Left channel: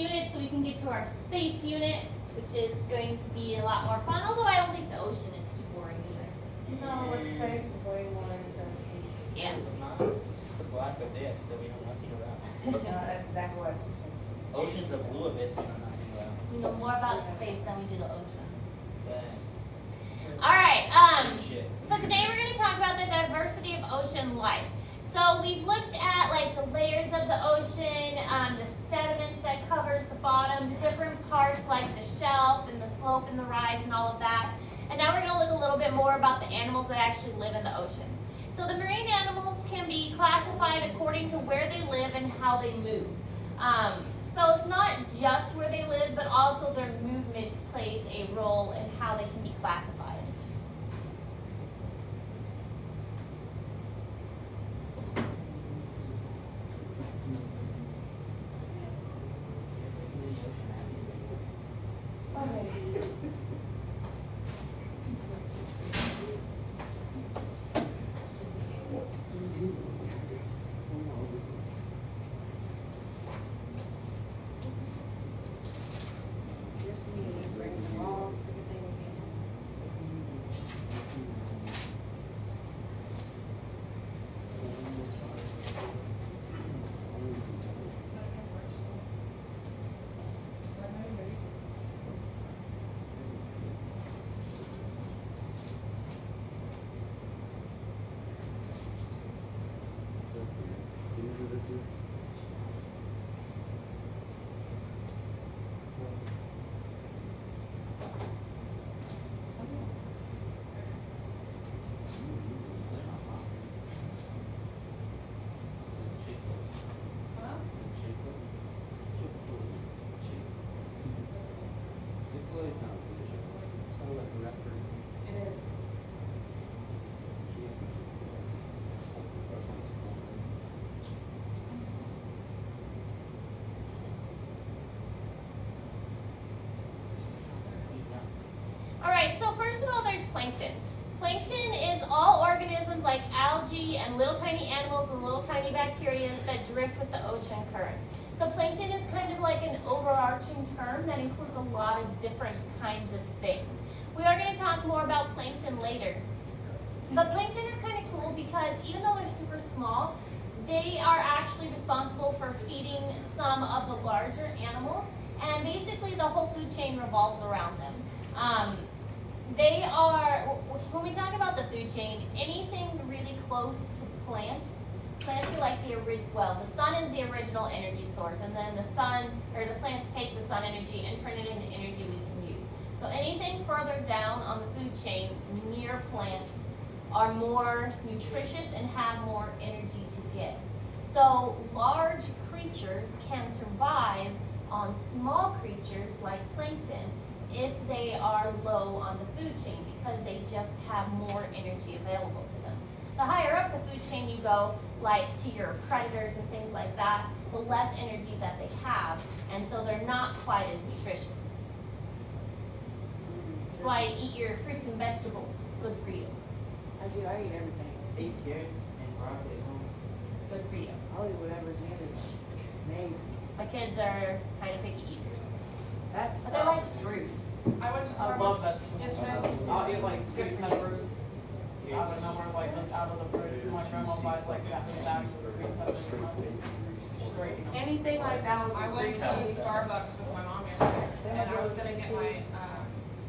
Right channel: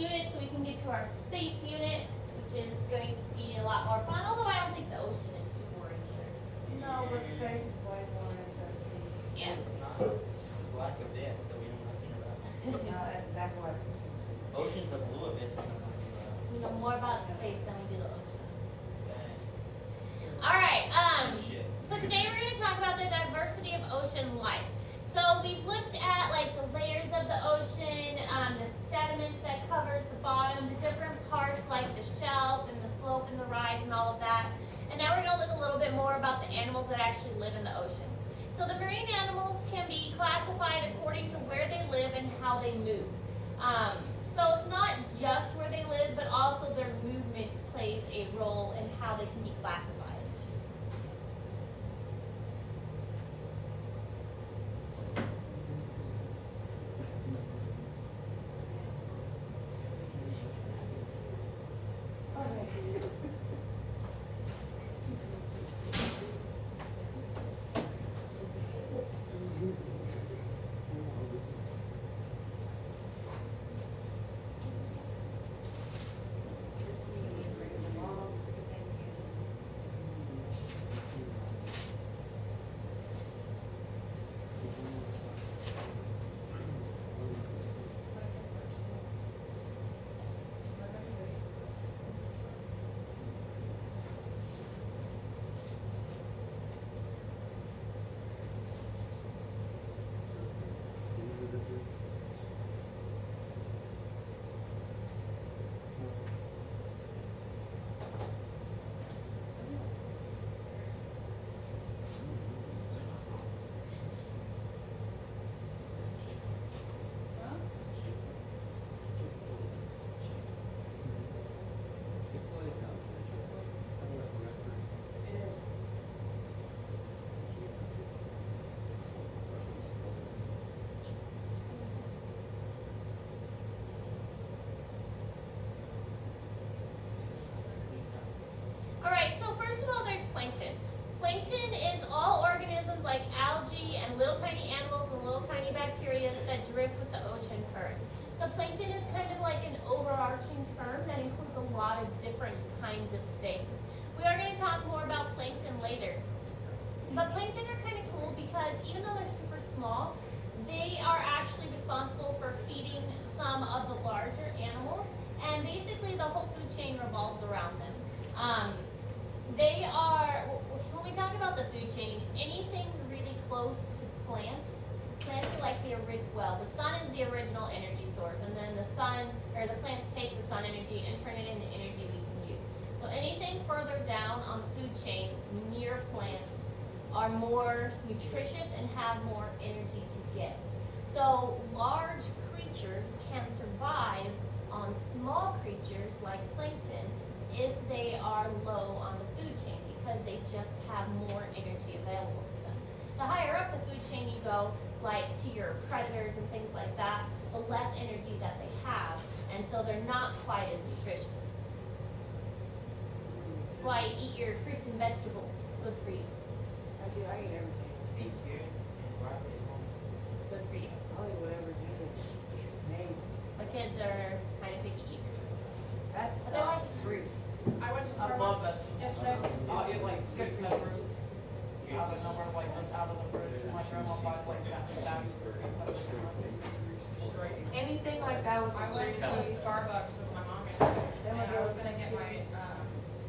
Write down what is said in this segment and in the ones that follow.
unit so we can get to our space unit, which is going to be a lot more fun, although I don't think the ocean is too boring either. No, it's space is way more interesting. Yeah. It's not the black abyss that we know nothing about. That's exactly what it is. Ocean's a blue abyss we know nothing about. We know more about space than we do the ocean. But Alright, shit. so today we're going to talk about the diversity of ocean life. So we've looked at like the layers of the ocean, the sediment that covers the bottom, the different parts like the shelf and the slope and the rise and all of that. And now we're going to look a little bit more about the animals that actually live in the ocean. So the marine animals can be classified according to where they live and how they move. So it's not just where they live, but also their movement plays a role in how they can be classified. Just me bringing them all to the thing again. It is. Alright, so first of all, there's plankton. Plankton is all organisms like algae and little tiny animals and little tiny bacteria that drift with the ocean current. So plankton is kind of like an overarching term that includes a lot of different kinds of things. We are going to talk more about plankton later. But plankton are kind of cool because even though they're super small, they are actually responsible for feeding some of the larger animals, and basically the whole food chain revolves around them. They are, when we talk about the food chain, anything really close to plants are like the sun is the original energy source, and then the plants take the sun energy and turn it into energy we can use. So anything further down on the food chain near plants are more nutritious and have more energy to give. So large creatures can survive on small creatures like plankton if they are low on the food chain because they just have more energy available to them. The higher up the food chain you go, like to your predators and things like that, the less energy that they have, and so they're not quite as nutritious. That's why you eat your fruits and vegetables, it's good for you. I do, I eat everything. Eat carrots and broccoli at home. Good for you. I'll eat whatever's native. My kids are kind of picky eaters. That's But they like fruits. I went to I love Starbucks vegetables. yesterday. I'll get like sweet peppers out of nowhere, like just out of the fridge. My grandma buys like that bags of sweet peppers. And I just straight. anything like that was I a went great to taste. Starbucks with my mom yesterday, and I was gonna get my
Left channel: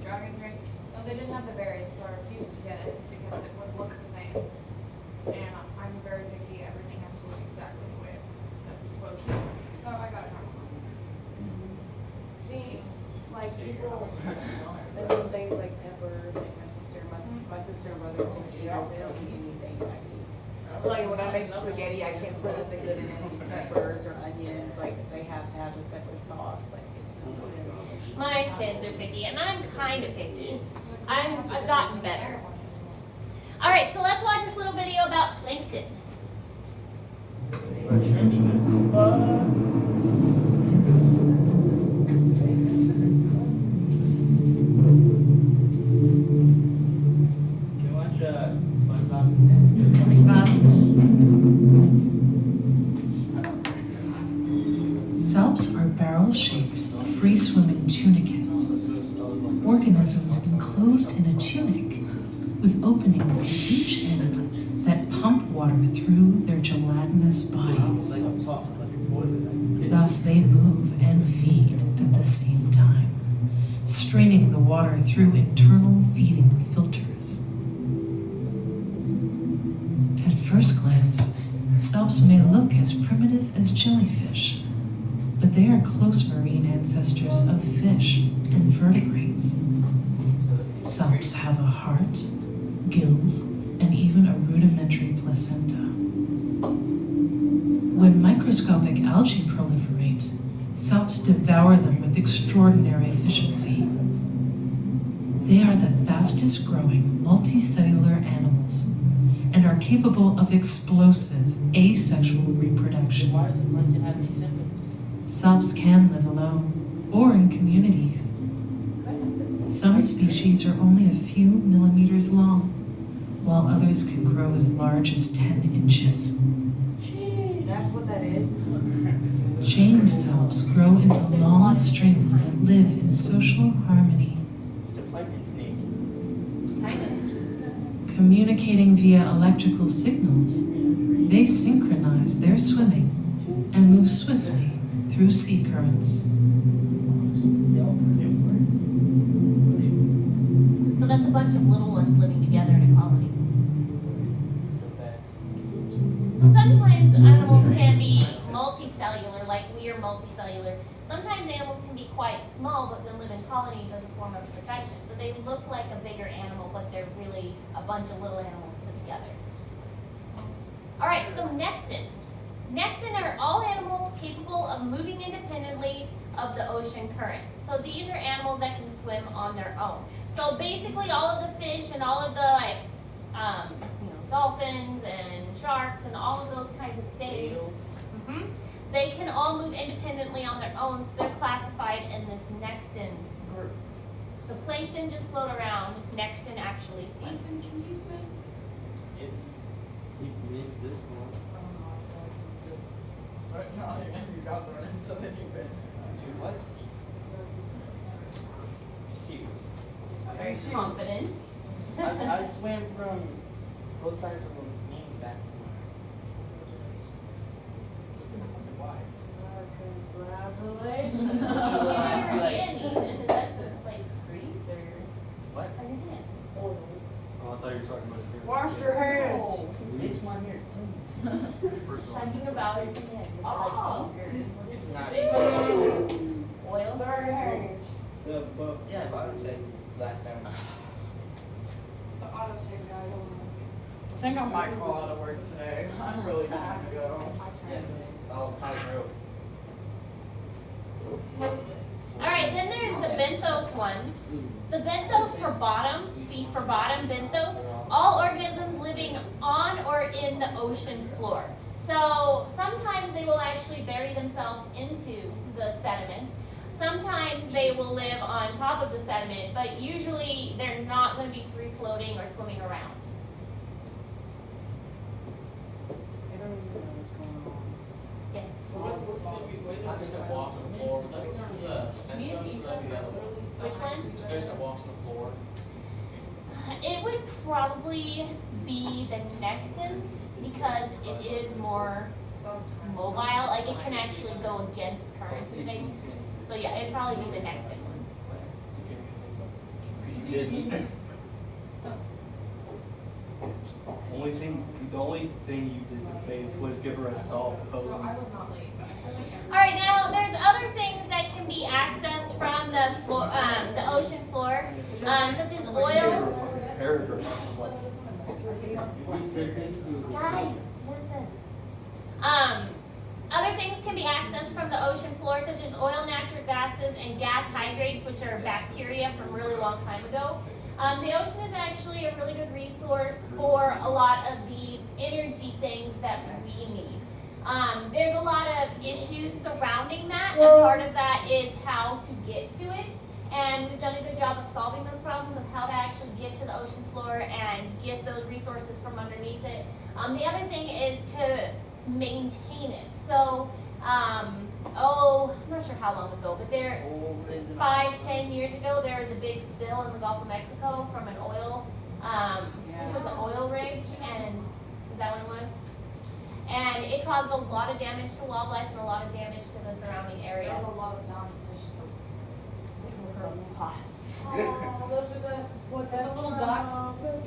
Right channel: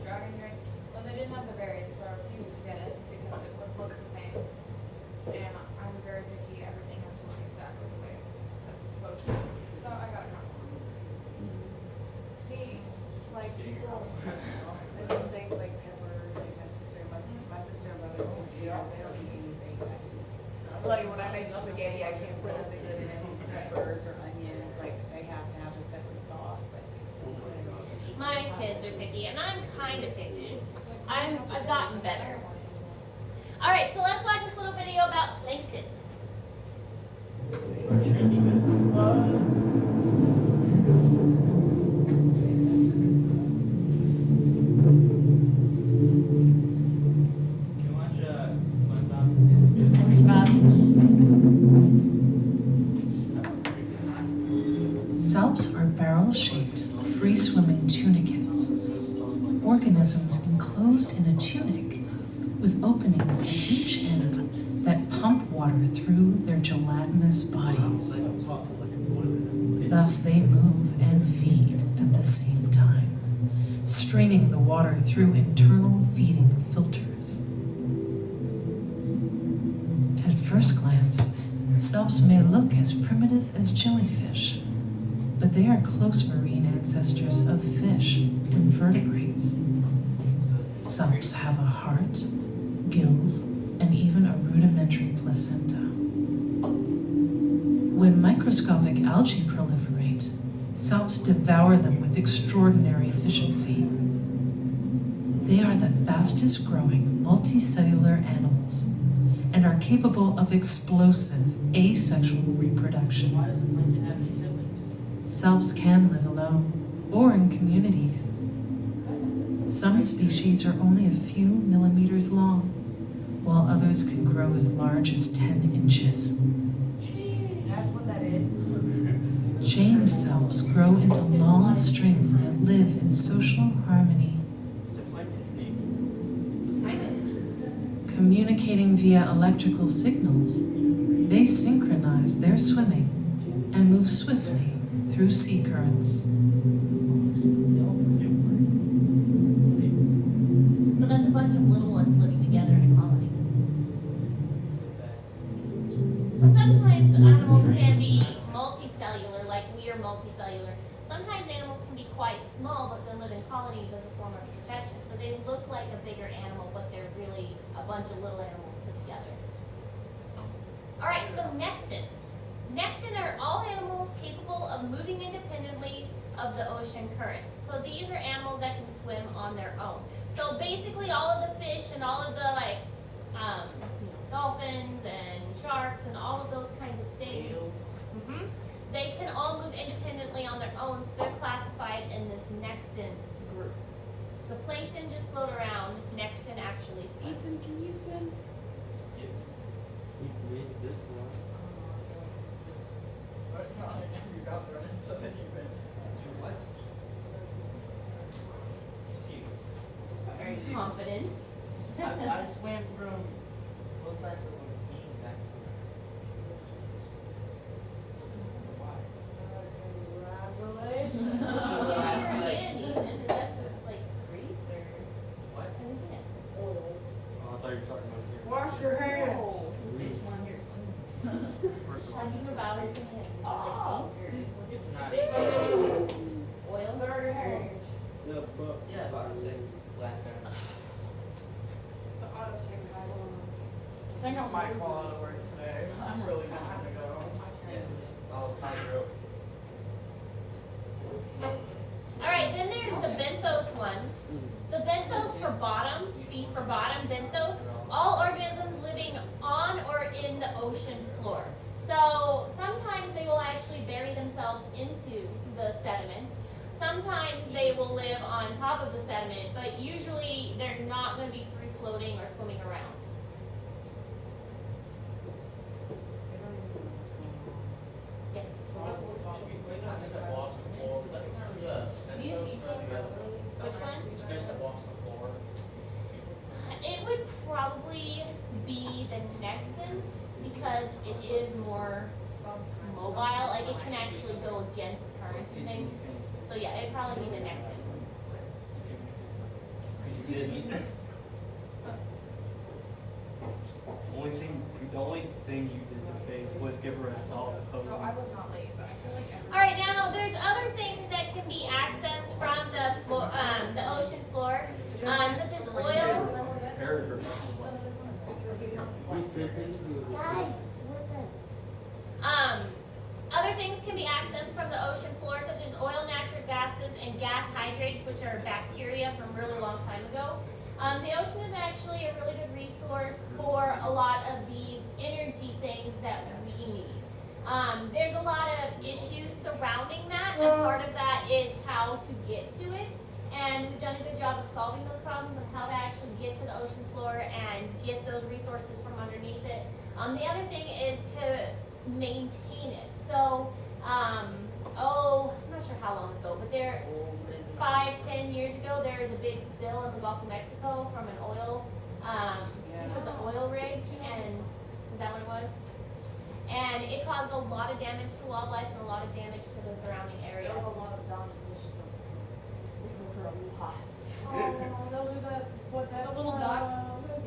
dragon drink. Well, they didn't have the berries, so I refused to get it because it wouldn't look the same. And I'm very picky, everything has to look exactly the way it's supposed to. So I got it normal. See, like people, they do things like peppers, and my sister and brother don't eat eaters, they don't eat anything like me. So like when I make spaghetti, I can't put nothing good in it, peppers or onions, like they have to have a separate sauce, like it's no good. My kids are picky, and I'm kind of picky. I've gotten better. All right, so let's watch this little video about plankton. Can you watch SpongeBob? Salps are barrel-shaped, free-swimming tunicates, organisms enclosed in a tunic with openings at each end that pump water through their gelatinous bodies. Thus they move and feed at the same time, straining the water through internal feeding filters. At first glance, salps may look as primitive as jellyfish, but they are close marine ancestors of fish and vertebrates. Salps have a heart, gills, and even a rudimentary placenta. When microscopic algae proliferate, salps devour them with extraordinary efficiency. They are the fastest growing multicellular animals and are capable of explosive asexual reproduction. Why doesn't plankton have any symptoms? Salps can live alone or in communities. Some species are only a few millimeters long, while others can grow as large as 10 inches. That's what that is. Chained salps grow into long strings that live in social harmony, It's a plankton snake. Kind of. communicating via electrical signals. They synchronize their swimming and move swiftly through sea currents. So that's a bunch of little ones living together in a colony. So sometimes animals can be multicellular, like we are multicellular. Sometimes animals can be quite small, but then live in colonies as a form of protection. So they look like a bigger animal, but they're really a bunch of little animals put together. All right, so nekton. Nekton are all animals capable of moving independently of the ocean currents. So these are animals that can swim on their own. So basically all of the fish and all of the dolphins and sharks and all of those kinds of things, they can all move independently on their own, so they're classified in this nekton group. So plankton just float around, nekton actually swim. Ethan, can you swim? You got the rest, so then you can. What? Cute. Very confident. I swam from both sides of the main back. Congratulations. What's your hand, Ethan? Is that just like grease or What? on your hand? Oh, I thought you were talking about his hair. Wash your hands. It's my hair. Talking about his hand. Is it like ink It's not. or oil? Burn your hands. Yeah, but I would say last time. The auto tape guys. I think I might call out of work today. I'm really gonna have to go. Oh, kind of real. All right, then there's the benthos ones. The benthos for bottom, B for bottom, benthos, all organisms living on or in the ocean floor. So sometimes they will actually bury themselves into the sediment. Sometimes they will live on top of the sediment, but usually they're not going to be free floating or swimming around. They don't even know what's going on. Yes. I just said walks on the floor. Me and Ethan are literally so Which next one? to each other. walks on the floor. It would probably be the nekton because it is more Sometimes. mobile, like it can actually go against the current and things. So yeah, it'd probably be the nekton one. You didn't eat it. The only thing you did for Faith was give her a salt poke. So I was not late, but I feel like every. All right, now there's other things that can be accessed from the floor, the ocean floor, such as oils. Paragraph. Guys, listen. Other things can be accessed from the ocean floor, such as oil, natural gases, and gas hydrates, which are bacteria from a really long time ago. The ocean is actually a really good resource for a lot of these energy things that we need. There's a lot of issues surrounding that, and part of that is how to get to it. And we've done a good job of solving those problems of how to actually get to the ocean floor and get those resources from underneath it. The other thing is to maintain it. So, not sure how long ago, but there, Old is an 5-10 years ago, there was a big spill in the Gulf of Mexico from an oil, I think it was an oil rig, and, is that what it was? And it caused a lot of damage to wildlife and a lot of damage to the surrounding area. There was a lot of dogs just so. Lots. Oh, those are the little ducks?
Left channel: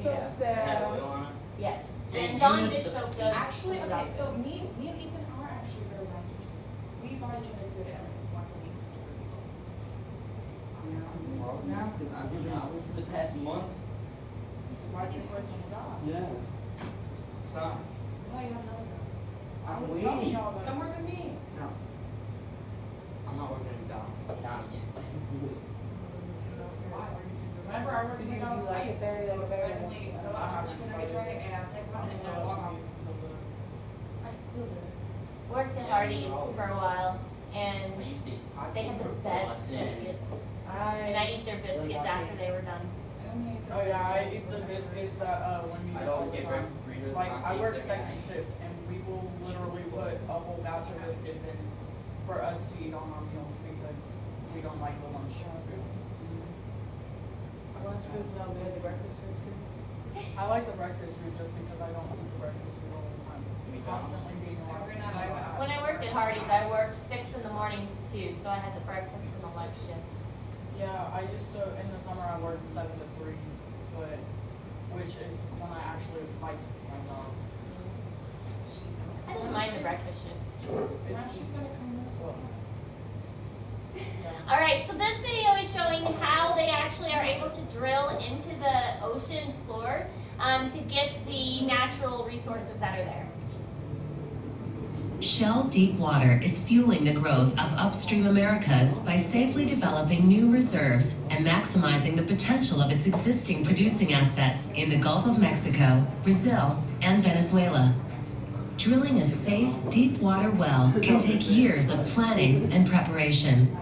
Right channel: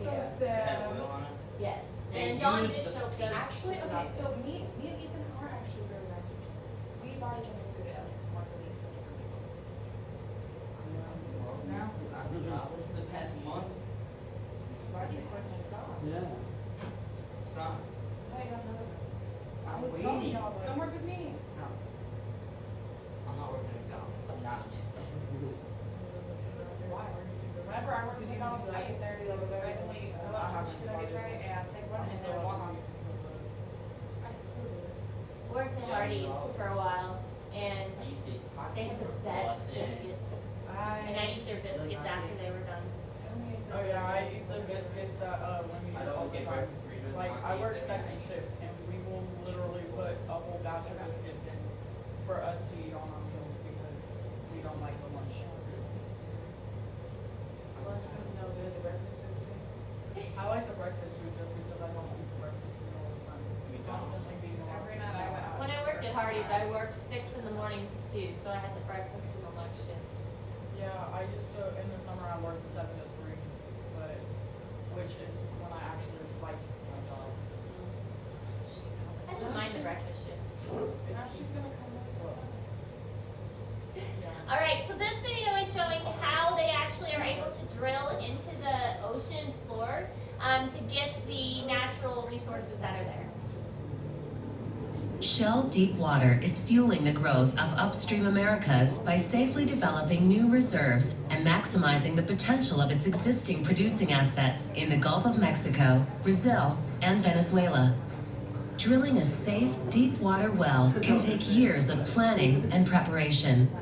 That's so Yeah. sad. Yes, And and you Dawn used to- Bishop does. Actually, okay, adopt so them. me and Ethan are actually really nice with each other. We buy each other food at least once a week for different people. Well, now, 'cause I've been traveling for the past month. Why'd you quit the dog? Yeah. Stop. No, you have another dog. I'm waiting. Come work with me. No. I'm not working at McDonald's. Not again. Why? Remember, I worked at You McDonald's, like I it used to there, you like it randomly go out for a chicken nugget tray and take one and then walk off. I still do it. Worked at Hardee's for a while, and they have the best biscuits. And I'd eat their biscuits after they were done. Oh yeah, I eat the biscuits, when you get overtime. Like, I work second shift and we will literally put a whole batch of biscuits in for us to eat on our meals because we don't like the lunch food. Lunch food's no good, the breakfast food's good. I like the breakfast food just because I don't eat the breakfast food all the time. Constantly being Every night I went out. When I worked at Hardee's, I worked 6 in the morning to 2, so I had the breakfast and the lunch shift. Yeah, I used to, in the summer I worked 7 to 3, but, which is when I actually liked my job. I didn't mind the breakfast shift. Now she's gonna come this way. Yeah. Alright, so this video is showing how they actually are able to drill into the ocean floor to get the natural resources that are there. Shell Deepwater is fueling the growth of upstream Americas by safely developing new reserves and maximizing the potential of its existing producing assets in the Gulf of Mexico, Brazil, and Venezuela. Drilling a safe, deep water well can take years of planning and preparation.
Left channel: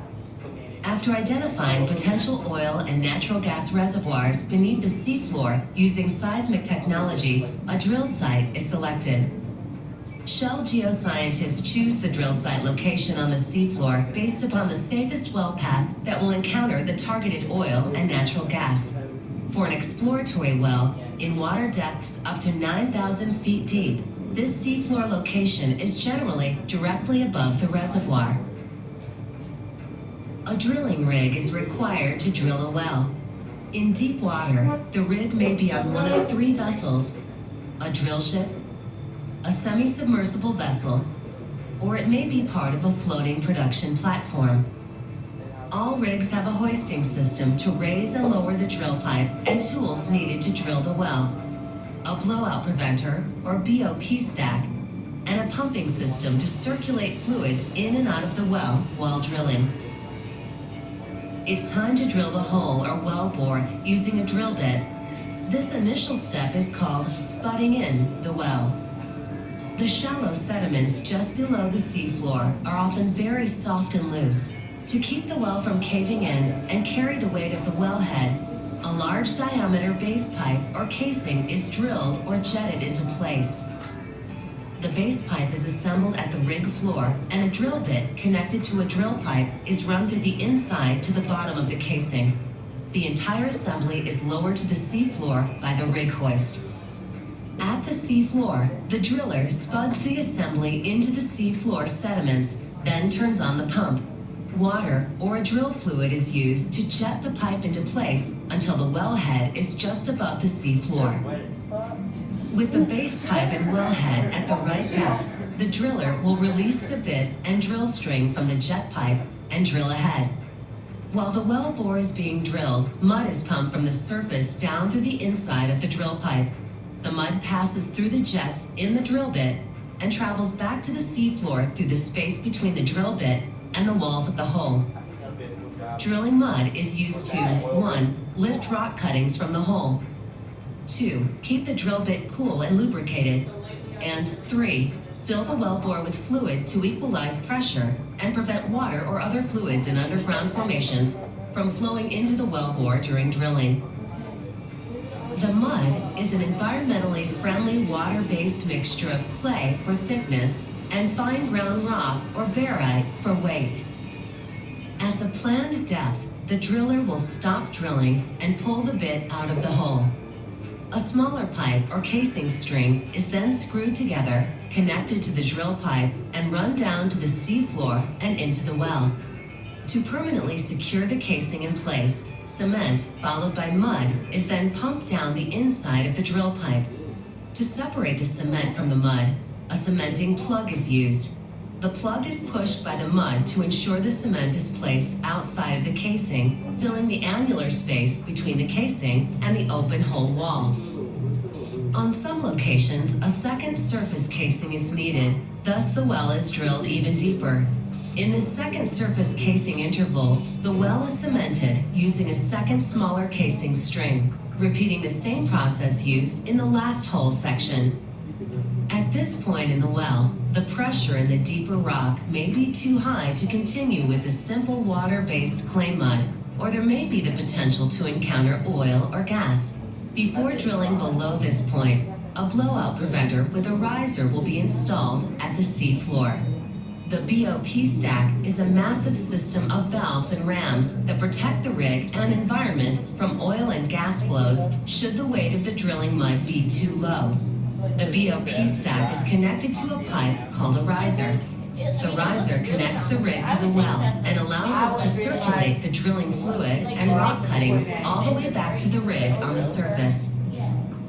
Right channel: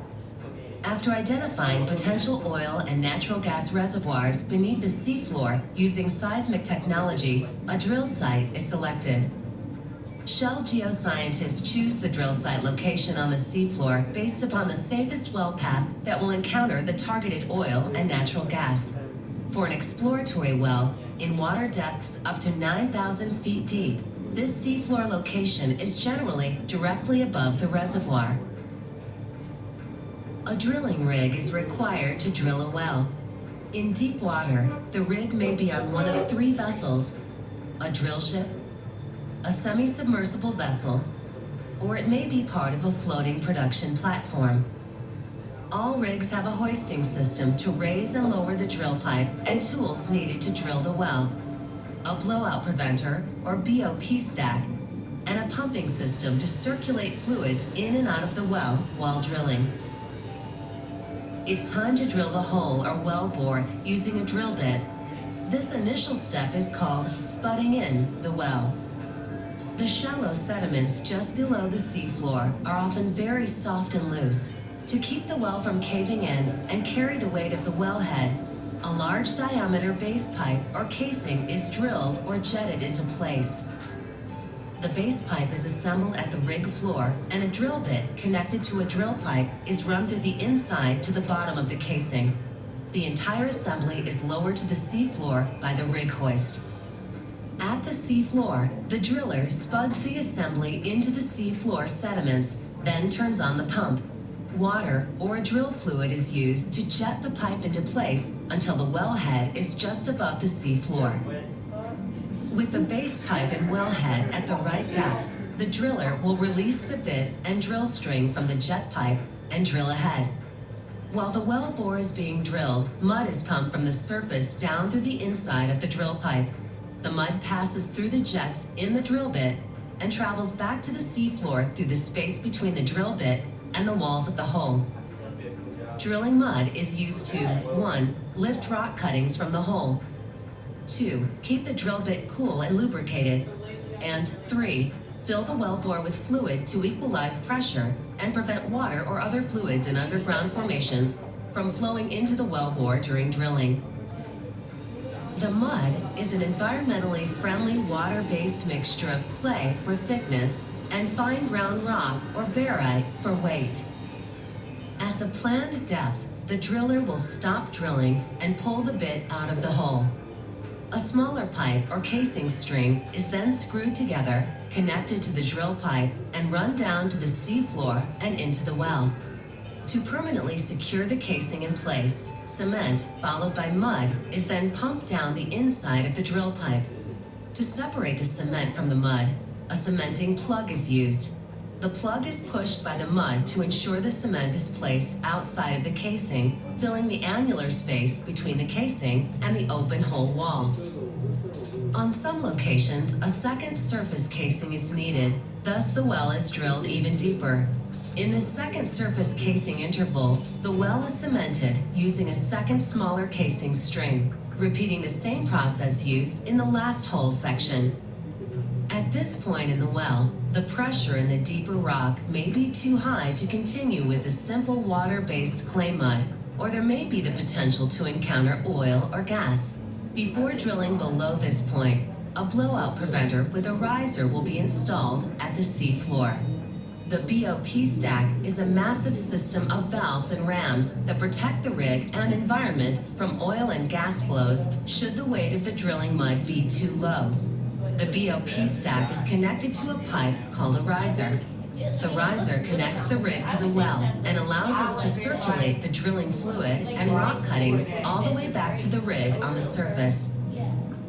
After identifying potential oil and natural gas reservoirs beneath the seafloor using seismic technology, a drill site is selected. Shell geoscientists choose the drill site location on the seafloor based upon the safest well path that will encounter the targeted oil and natural gas. For an exploratory well, in water depths up to 9,000 feet deep, this seafloor location is generally directly above the reservoir. A drilling rig is required to drill a well. In deep water, the rig may be on one of 3 vessels: a drill ship, a semi-submersible vessel, or it may be part of a floating production platform. All rigs have a hoisting system to raise and lower the drill pipe and tools needed to drill the well, a blowout preventer or BOP stack, and a pumping system to circulate fluids in and out of the well while drilling. It's time to drill the hole or well bore using a drill bit. This initial step is called spudding in the well. The shallow sediments just below the seafloor are often very soft and loose. To keep the well from caving in and carry the weight of the wellhead, a large diameter base pipe or casing is drilled or jetted into place. The base pipe is assembled at the rig floor, and a drill bit connected to a drill pipe is run through the inside to the bottom of the casing. The entire assembly is lowered to the seafloor by the rig hoist. At the seafloor, the driller spuds the assembly into the seafloor sediments, then turns on the pump. Water or a drill fluid is used to jet the pipe into place until the wellhead is just above the seafloor. With the base pipe and wellhead at the right depth, the driller will release the bit and drill string from the jet pipe and drill ahead. While the well bore is being drilled, mud is pumped from the surface down through the inside of the drill pipe. The mud passes through the jets in the drill bit and travels back to the seafloor through the space between the drill bit and the walls of the hole. Drilling mud is used to 1. Lift rock cuttings from the hole, 2. Keep the drill bit cool and lubricated, and 3. Fill the well bore with fluid to equalize pressure and prevent water or other fluids in underground formations from flowing into the well bore during drilling. The mud is an environmentally friendly water-based mixture of clay for thickness and fine ground rock or barite for weight. planned depth, the driller will stop drilling and pull the bit out of the hole. A smaller pipe or casing string is then screwed together, connected to the drill pipe, and run down to the seafloor and into the well. To permanently secure the casing in place, cement, followed by mud, is then pumped down the inside of the drill pipe. To separate the cement from the mud, a cementing plug is used. The plug is pushed by the mud to ensure the cement is placed outside of the casing, filling the annular space between the casing and the open hole wall. On some locations, a second surface casing is needed, thus the well is drilled even deeper. In this second surface casing interval, the well is cemented using a second smaller casing string, repeating the same process used in the last hole section. At this point in the well, the pressure in the deeper rock may be too high to continue with the simple water-based clay mud, or there may be the potential to encounter oil or gas. Before drilling below this point, a blowout preventer with a riser will be installed at the sea floor. The BOP stack is a massive system of valves and rams that protect the rig and environment from oil and gas flows should the weight of the drilling mud be too low. The BOP stack is connected to a pipe called a riser. The riser connects the rig to the well and allows us to circulate the drilling fluid and rock cuttings all the way back to the rig on the surface.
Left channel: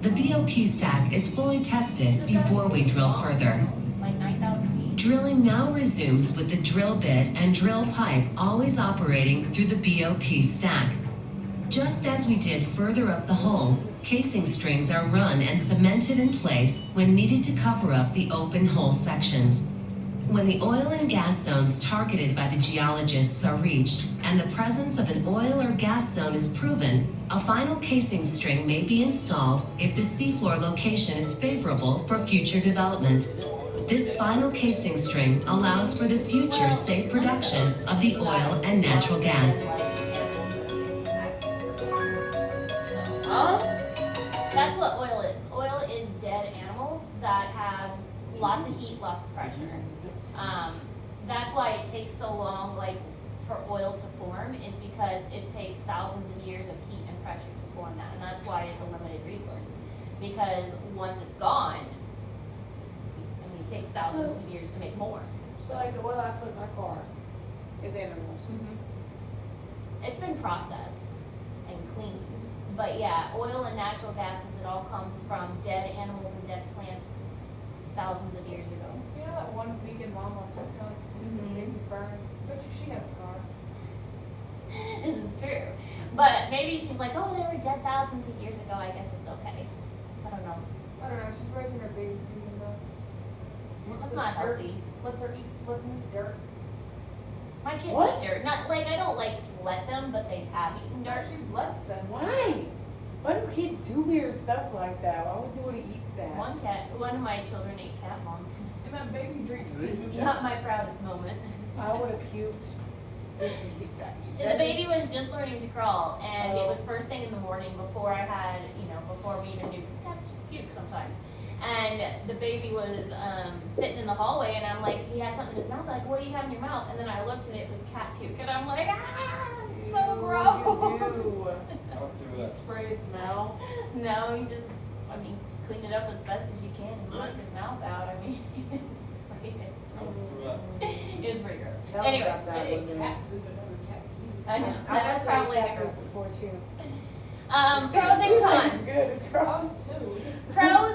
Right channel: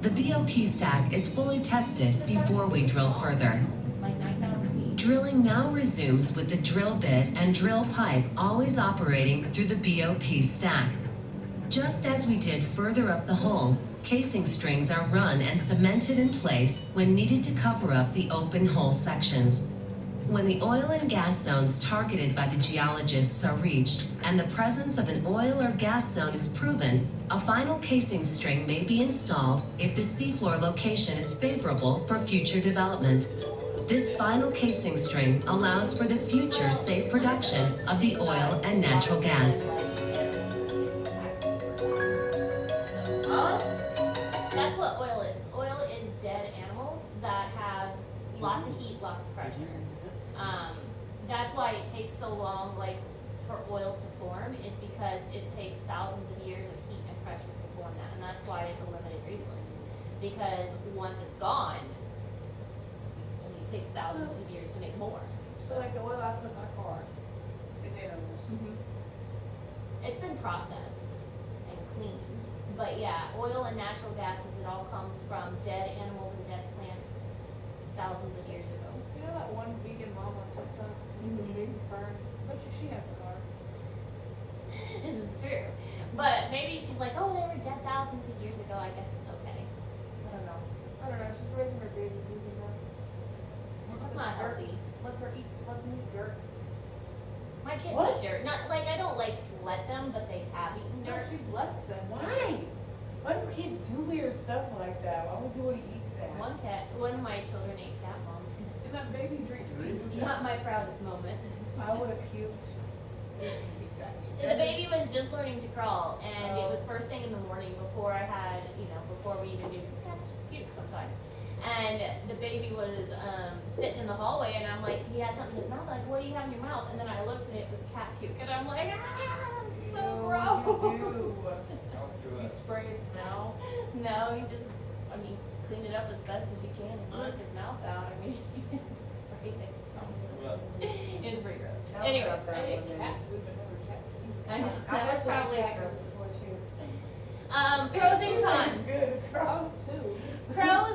The BOP stack is fully tested before we drill further. Like 9,000 feet. Drilling now resumes with the drill bit and drill pipe always operating through the BOP stack. Just as we did further up the hole, casing strings are run and cemented in place when needed to cover up the open hole sections. When the oil and gas zones targeted by the geologists are reached and the presence of an oil or gas zone is proven, a final casing string may be installed if the seafloor location is favorable for future development. This final casing string allows for the future safe production of the oil and natural gas. That's what oil is. Oil is dead animals that have lots of heat, lots of pressure. That's why it takes so long, like, for oil to form, is because it takes thousands of years of heat and pressure to form that, and that's why it's a limited resource. Because once it's gone, I mean, it takes thousands of years to make more. So like the oil I put in my car is animals. It's been processed and cleaned, but yeah, oil and natural gases, it all comes from dead animals and dead plants thousands of years ago. You know that one vegan mom on TikTok, baby fern? Bet you she has a car. This is true. But maybe she's like, oh, they were dead thousands of years ago. I guess it's okay. I don't know. I don't know, she's raising her baby vegan though. That's not Dirt. healthy. Let's her eat dirt. My kids What? eat dirt. Not like I don't like let them, but they have eaten No, dirt. she lets them. Why? Why do kids do weird stuff like that? Why would you want to eat that? One of my children ate cat vomit. And that baby drinks kombucha. Not my proudest moment. I would have puked. The baby was just learning to crawl, and it was first thing in the morning before I had, before we even knew, because cats just puke sometimes. And the baby was sitting in the hallway, and I'm like, he had something in his mouth. Like, what do you have in your mouth? And then I looked, and it was cat puke, and I'm like, so gross. You spray its mouth. No, he just, clean it up as best as you can and wipe his mouth out. It was pretty gross. Tell me Anyways, about that one day. Cat food and every cat food. I know, I that was probably the cat food grossest. before too. Pros and cons. It's good. It's gross. Us too. Pros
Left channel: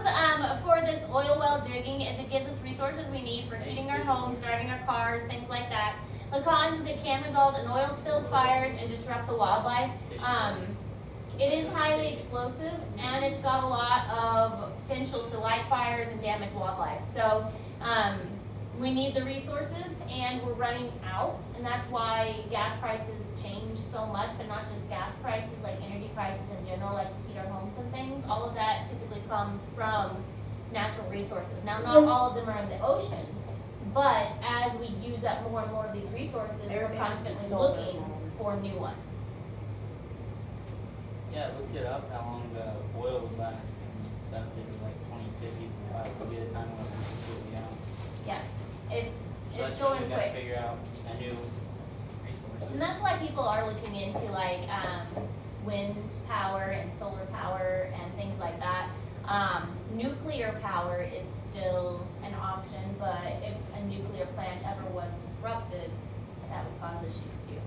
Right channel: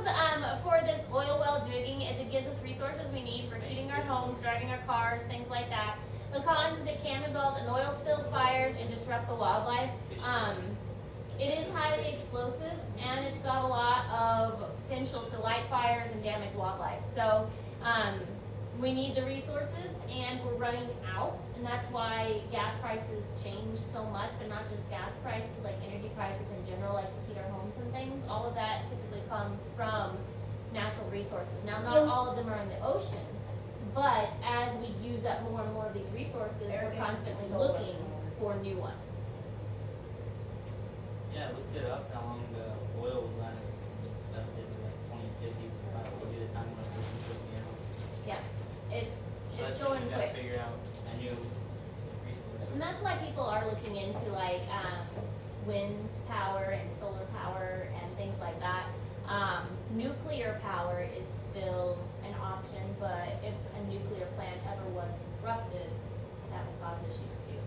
for this oil well digging is it gives us resources we need for heating our homes, driving our cars, things like that. The cons is it can result in oil spills, fires, and disrupt the wildlife. It is highly explosive, and it's got a lot of potential to light fires and damage wildlife. So we need the resources, and we're running out, and that's why gas prices change so much, but not just gas prices, like energy prices in general, like to heat our homes and things. All of that typically comes from natural resources. Now, not all of them are in the ocean, but as we use up more and more of these resources, we're Everything is constantly solar. looking for new ones. Yeah, I looked it up, how long oil would last and stuff, it was like 2050, would be the time when we can put me out. Yeah, it's So that's going when we gotta quick. figure out a new resource. And that's why people are looking into like, wind power and solar power and things like that. Nuclear power is still an option, but if a nuclear plant ever was disrupted, that would cause issues too.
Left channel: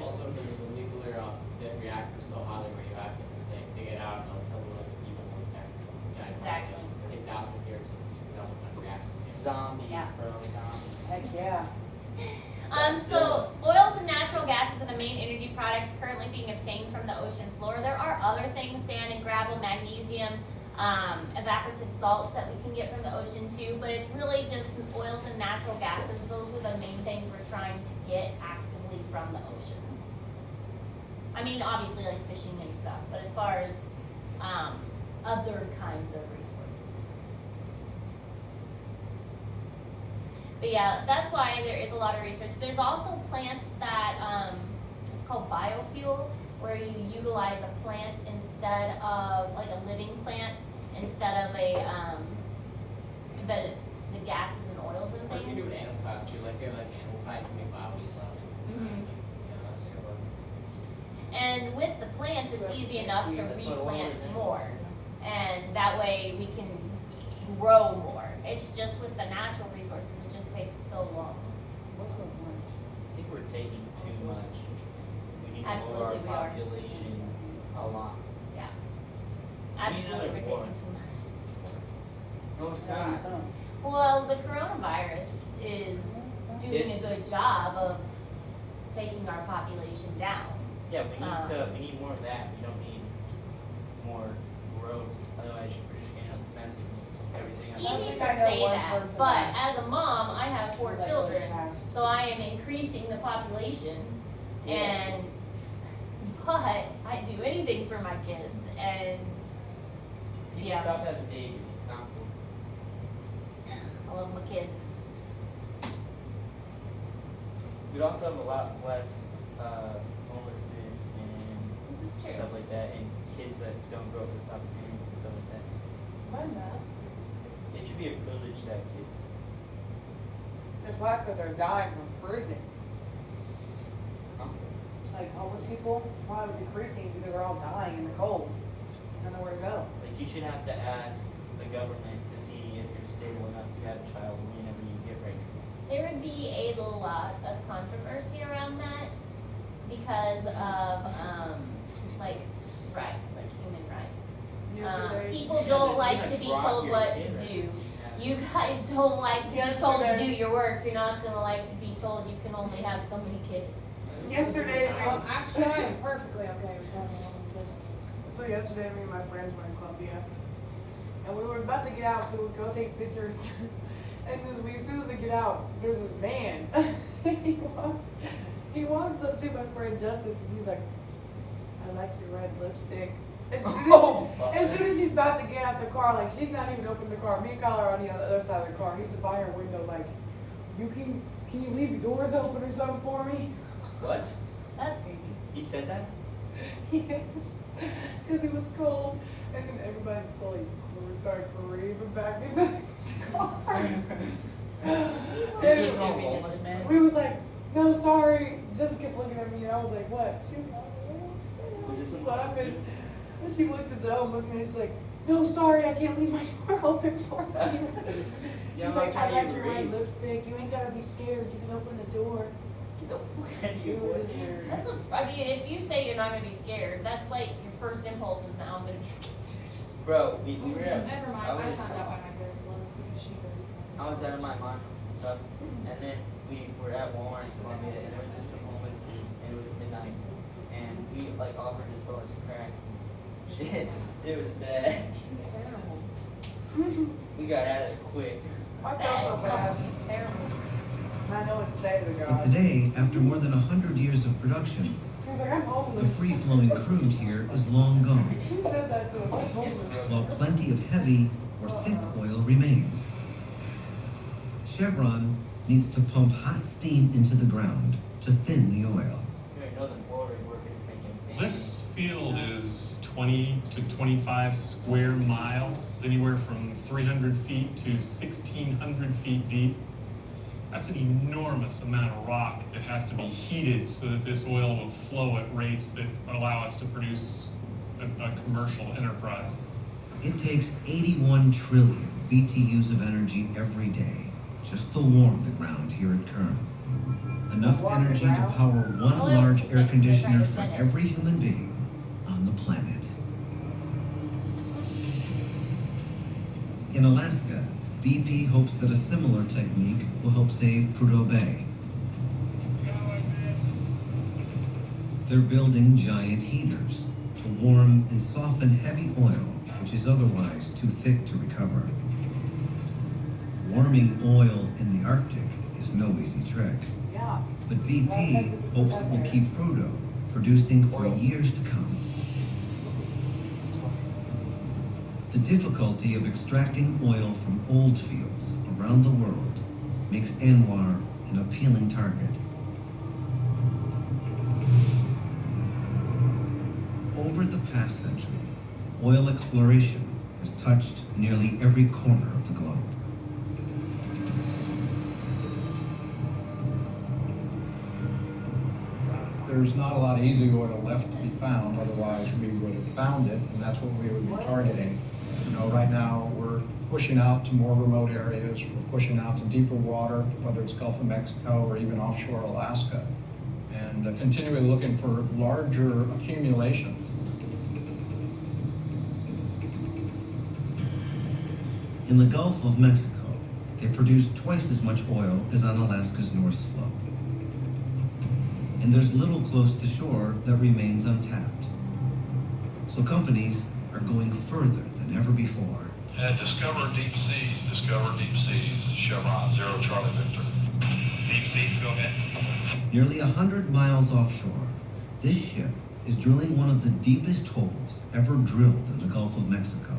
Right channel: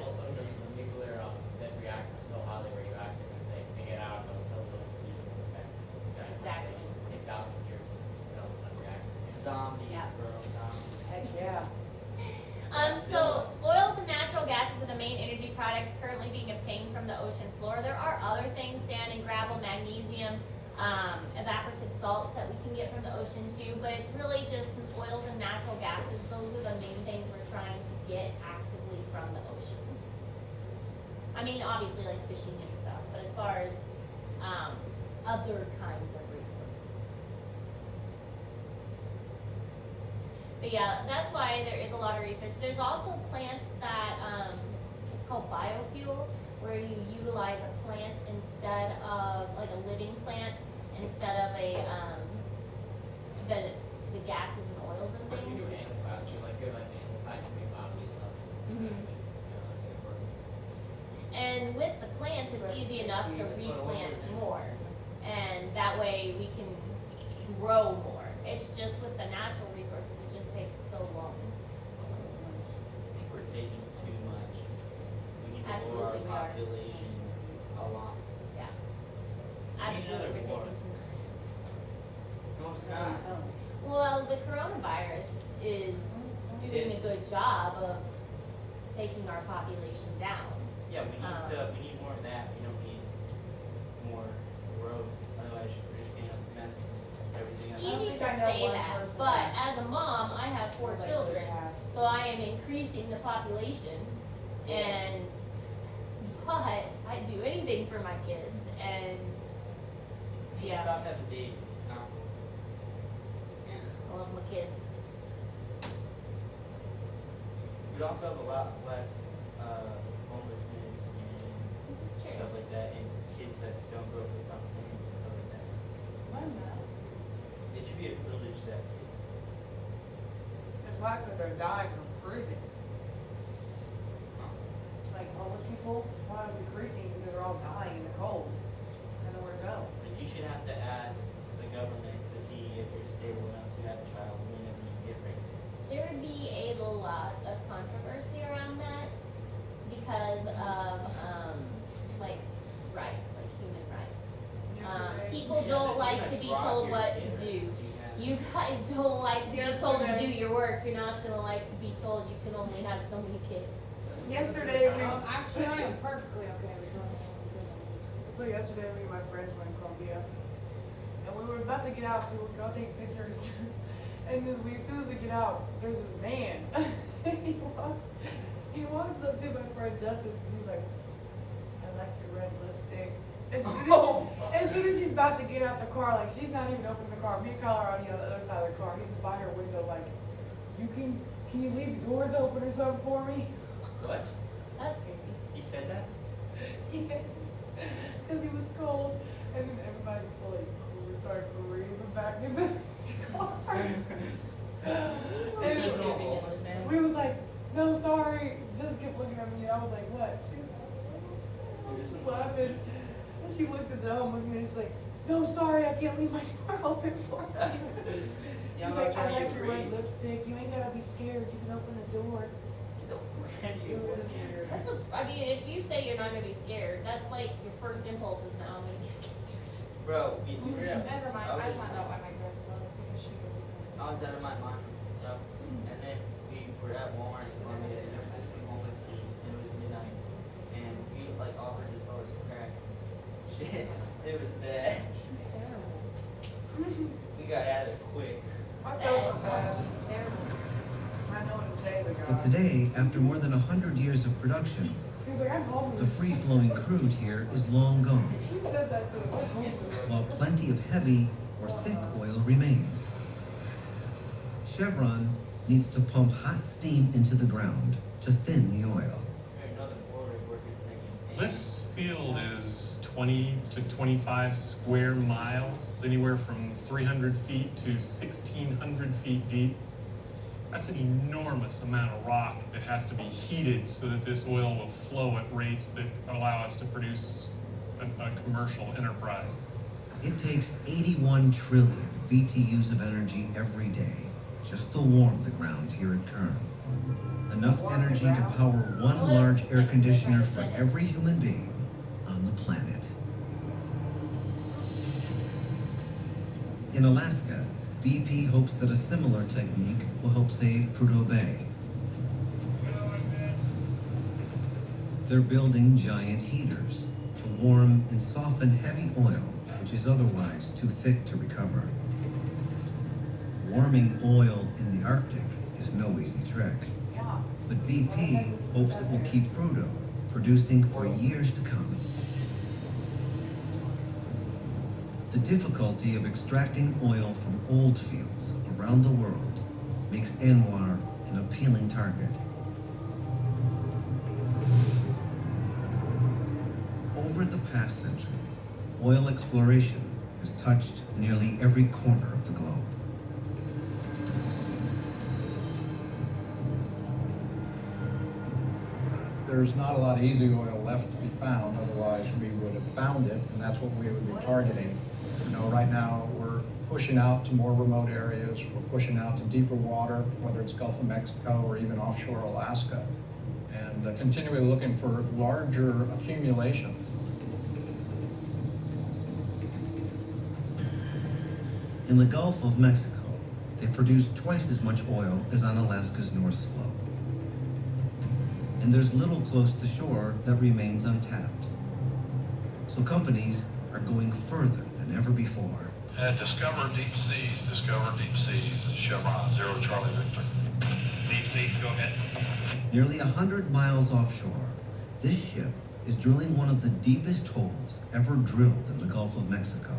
Also, the nuclear, that reactor is so highly radioactive, they get out and they'll tell you like people will affect. Exactly. 10,000 years, reactor. Zombies, Yeah. bro, zombies. Heck, yeah. So oils and natural gases are the main energy products currently being obtained from the ocean floor. There are other things, sand and gravel, magnesium, evaporative salts that we can get from the ocean too, but it's really just oils and natural gases. Those are the main things we're trying to get actively from the ocean. I mean, obviously like fishing and stuff, but as far as other kinds of resources. But yeah, that's why there is a lot of research. There's also plants that, it's called biofuel, where you utilize a plant instead of, like a living plant, instead of a, the gases and oils and Or you things. do animal fat too, like animal fat can be biodiesel. Mhm. Yeah, that's a good one. And with the plants, it's easy enough to replant more, and that way we can grow more. It's just with the natural resources, it just takes so long. I think we're taking too much. We need to lower Absolutely, we our are. population a lot. Absolutely, we're more. taking too much. No, it's not. Well, the coronavirus is doing a good job of taking our population down. Yeah, we need more of that. We don't need more growth. Otherwise, we're just gonna mess with everything. Easy think to I know say one that, person but that- as a mom, I have 4 Like, children, so I am increasing the population, and, but I do anything for my kids, and, You yeah, stop having babies. It's not cool. I love my kids. We'd also have a lot less homelessness and This is true. stuff like that, and kids that don't grow up with opportunities and stuff like that. Why's that? It should be a privilege to have kids. That's why, because they're dying from prison. Huh? Like homeless people, why are decreasing because they're all dying in the cold. There's nowhere to go. Like, you should have to ask the government to see if you're stable enough to have a child whenever you get pregnant. There would be a lot of controversy around that because of, like, rights, like human rights. Yesterday- People don't like to be told what to do. You guys don't like to be told to do your work. You're not gonna like to be told you can only have so many kids. Yesterday, Actually, I am perfectly okay with having a long business. So yesterday, me and my friends were in Columbia, and we were about to get out to go take pictures. And as soon as we get out, there's this man. he walks up to my friend Justice, and he's like, "I like your red lipstick." As soon as she's about to get out the car, like she's not even opened the car. Me and Kyle are on the other side of the car. He's by her window, like, can you leave the doors open or something for me?" What? That's creepy. He said that? Yes, because it was cold, and then everybody slowly started creeping back into the car. Is he And a homeless man? we was like, "No, sorry." Just kept looking at me, and I was like, "What?" She's laughing. And she looked at the homeless man. She's like, "No, sorry, I can't leave my door open for you." You He's know, like, I'm "I like trying to your red read. lipstick. You ain't gotta be scared. You can open the door." Get the fuck out of here. That's I mean, if you say you're not gonna be scared, that's like your first impulse is now I'm gonna be scared. Bro, we were at. Never mind, I found out why my girl's lives because she believes in I was at my aunt and stuff, and then we were at Walmart in Columbia, and there was just some homeless dudes, and it was midnight, and we like offered to sell us crack. Shit, it was bad. It's terrible. We got out of there quick. I felt so bad. It's terrible. I know what to say to the girl. But today, after more than 100 years of production, She was like, "I'm the homeless." free-flowing crude here is long gone, He said that to us. "I'm homeless." while plenty of heavy or thick oil remains. Chevron needs to pump hot steam into the ground to thin the oil. Here in Northern Florida, we're making. This field is 20 to 25 square miles, anywhere from 300 feet to 1,600 feet deep. That's an enormous amount of rock that has to be heated so that this oil will flow at rates that allow us to produce a commercial enterprise. It takes 81 trillion BTUs of energy every day just to warm the ground here at Kern. Enough energy to power one large air conditioner for every human being on the planet. In Alaska, BP hopes that a similar technique will help save Prudhoe Bay. They're building giant heaters to warm and soften heavy oil, which is otherwise too thick to recover. Warming oil in the Arctic is no easy trick, Yeah. but BP hopes it will keep Prudhoe producing for years to come. The difficulty of extracting oil from old fields around the world makes ANWR an appealing target. Over the past century, oil exploration has touched nearly every corner of the globe. There's not a lot of easy oil left to be found, otherwise we would have found it, and that's what we would be targeting. You know, right now we're pushing out to more remote areas, we're pushing out to deeper water, whether it's Gulf of Mexico or even offshore Alaska, and continually looking for larger accumulations. In the Gulf of Mexico, they produce twice as much oil as on Alaska's North Slope. And there's little close to shore that remains untapped. So companies are going further than ever before. Discover Deep Seas, Chevron, 0 Charlie Victor. Deep Seas, go ahead. Nearly 100 miles offshore, this ship is drilling one of the deepest holes ever drilled in the Gulf of Mexico.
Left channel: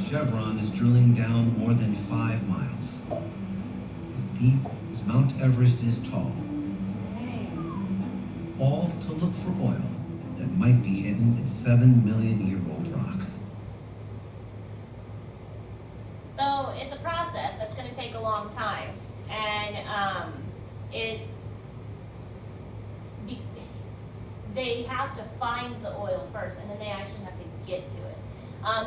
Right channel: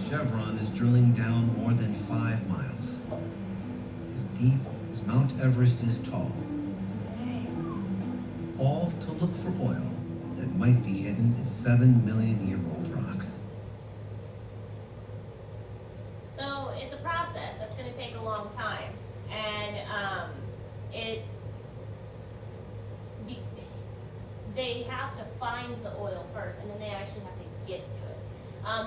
Chevron is drilling down more than 5 miles. As deep as Mount Everest is tall. All to look for oil that might be hidden in 7-million-year-old rocks. So it's a process that's going to take a long time, and they have to find the oil first, and then they actually have to get to it.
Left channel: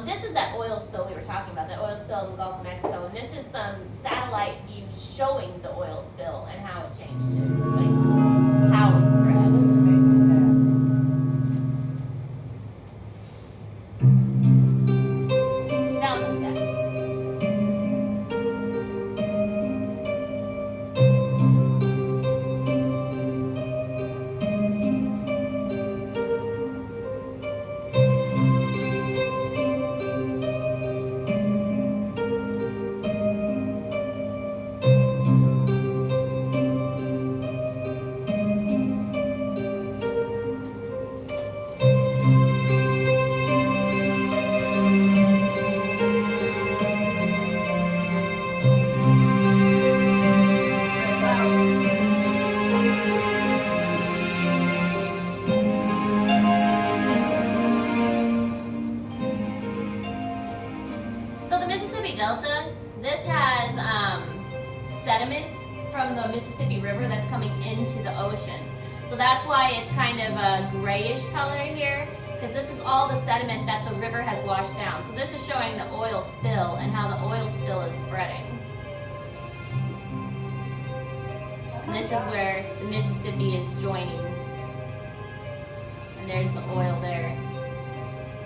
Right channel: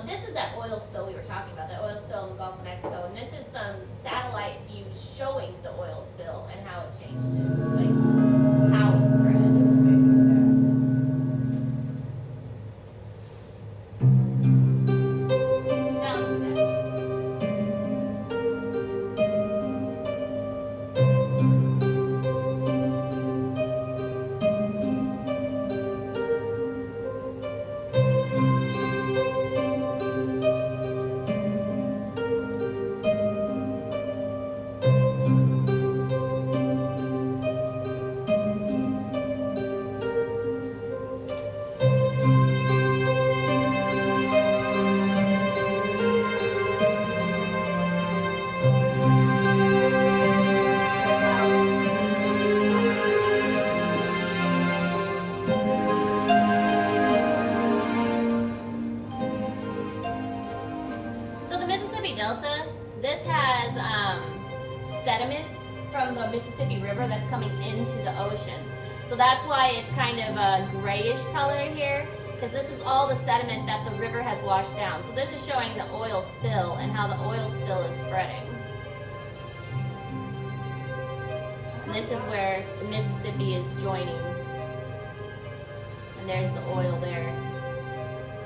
This is that oil spill we were talking about, that oil spill in the Gulf of Mexico, and this is some satellite views showing the oil spill and how it changed it, like how it spread. Delta, this has sediment from the Mississippi River that's coming into the ocean. So that's why it's kind of a grayish color here, because this is all the sediment that the river has washed down. So this is showing the oil spill and how the oil spill is spreading. And this is where the Mississippi is joining. And there's the oil there.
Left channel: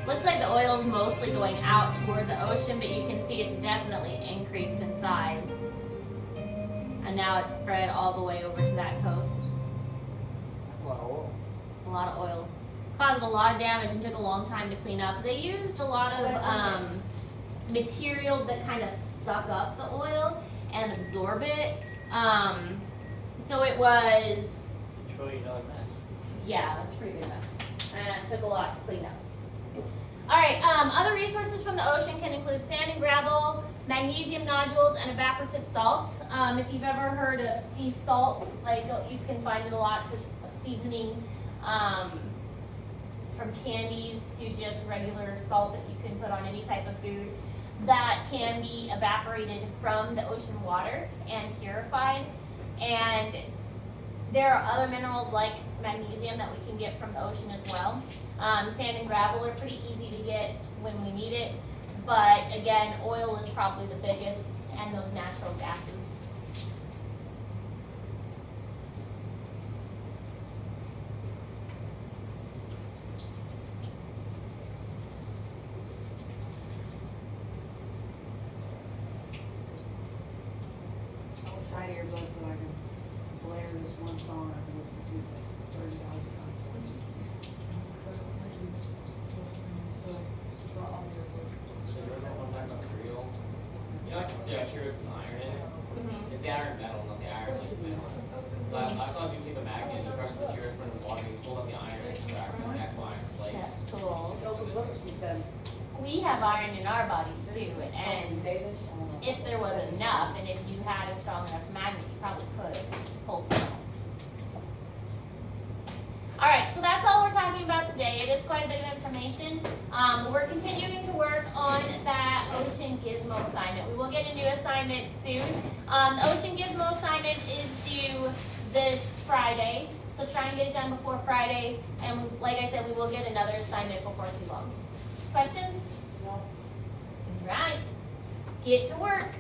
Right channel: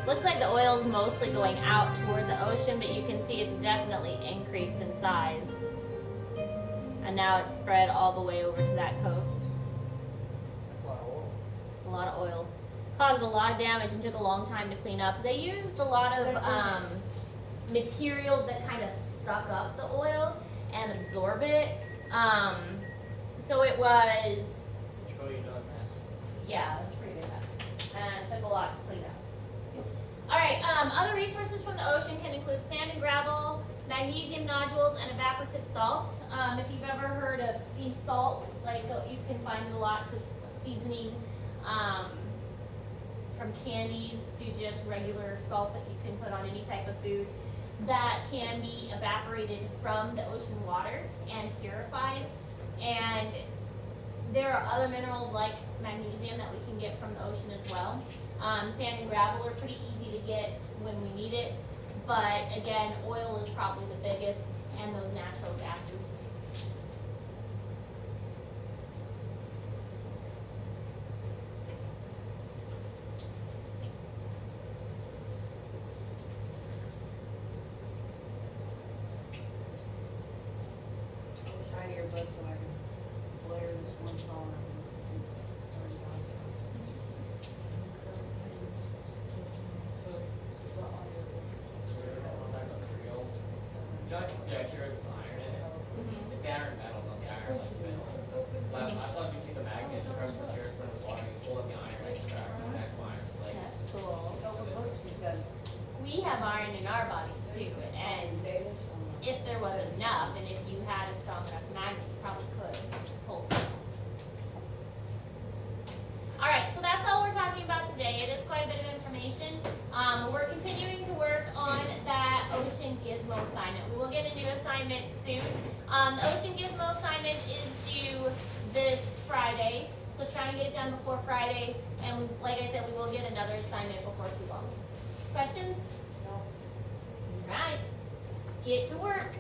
Looks like the oil is mostly going out toward the ocean, but you can see it's definitely increased in size. And now it's spread all the way over to that coast. That's a lot of oil. It's a lot of oil. Caused a lot of damage and took a long time to clean up. They used a lot of materials that kind of suck up the oil and absorb it. So it was, $1 trillion mess. yeah, it's a pretty good mess. And it took a lot to clean up. All right, other resources from the ocean can include sand and gravel, magnesium nodules, and evaporative salts. If you've ever heard of sea salt, like you can find it a lot to seasoning from candies to just regular salt that you can put on any type of food, that can be evaporated from the ocean water and purified. And there are other minerals like magnesium that we can get from the ocean as well. Sand and gravel are pretty easy to get when we need it, but again, oil is probably the biggest, and those natural gases. I wish I had earbuds so I could blare this one song I've been listening to 30,000 times. You know, I can see I'm sure it's an iron in it. It's the iron metal, not the iron like metal. But I thought you take a magnet, just crush the material, put it in water, you pull up the iron, and extract the actual iron place. That's cool. Because We have iron in our bodies too, and if there was enough, and if you had a strong enough magnet, you probably could pull some. Alright, so that's all we're talking about today. It is quite a bit of information. We're continuing to work on that Ocean Gizmo assignment. We will get a new assignment soon. The Ocean Gizmo assignment is due this Friday, so try and get it done before Friday, and like I said, we will get another assignment before too long. Questions? No. Right. Get to work.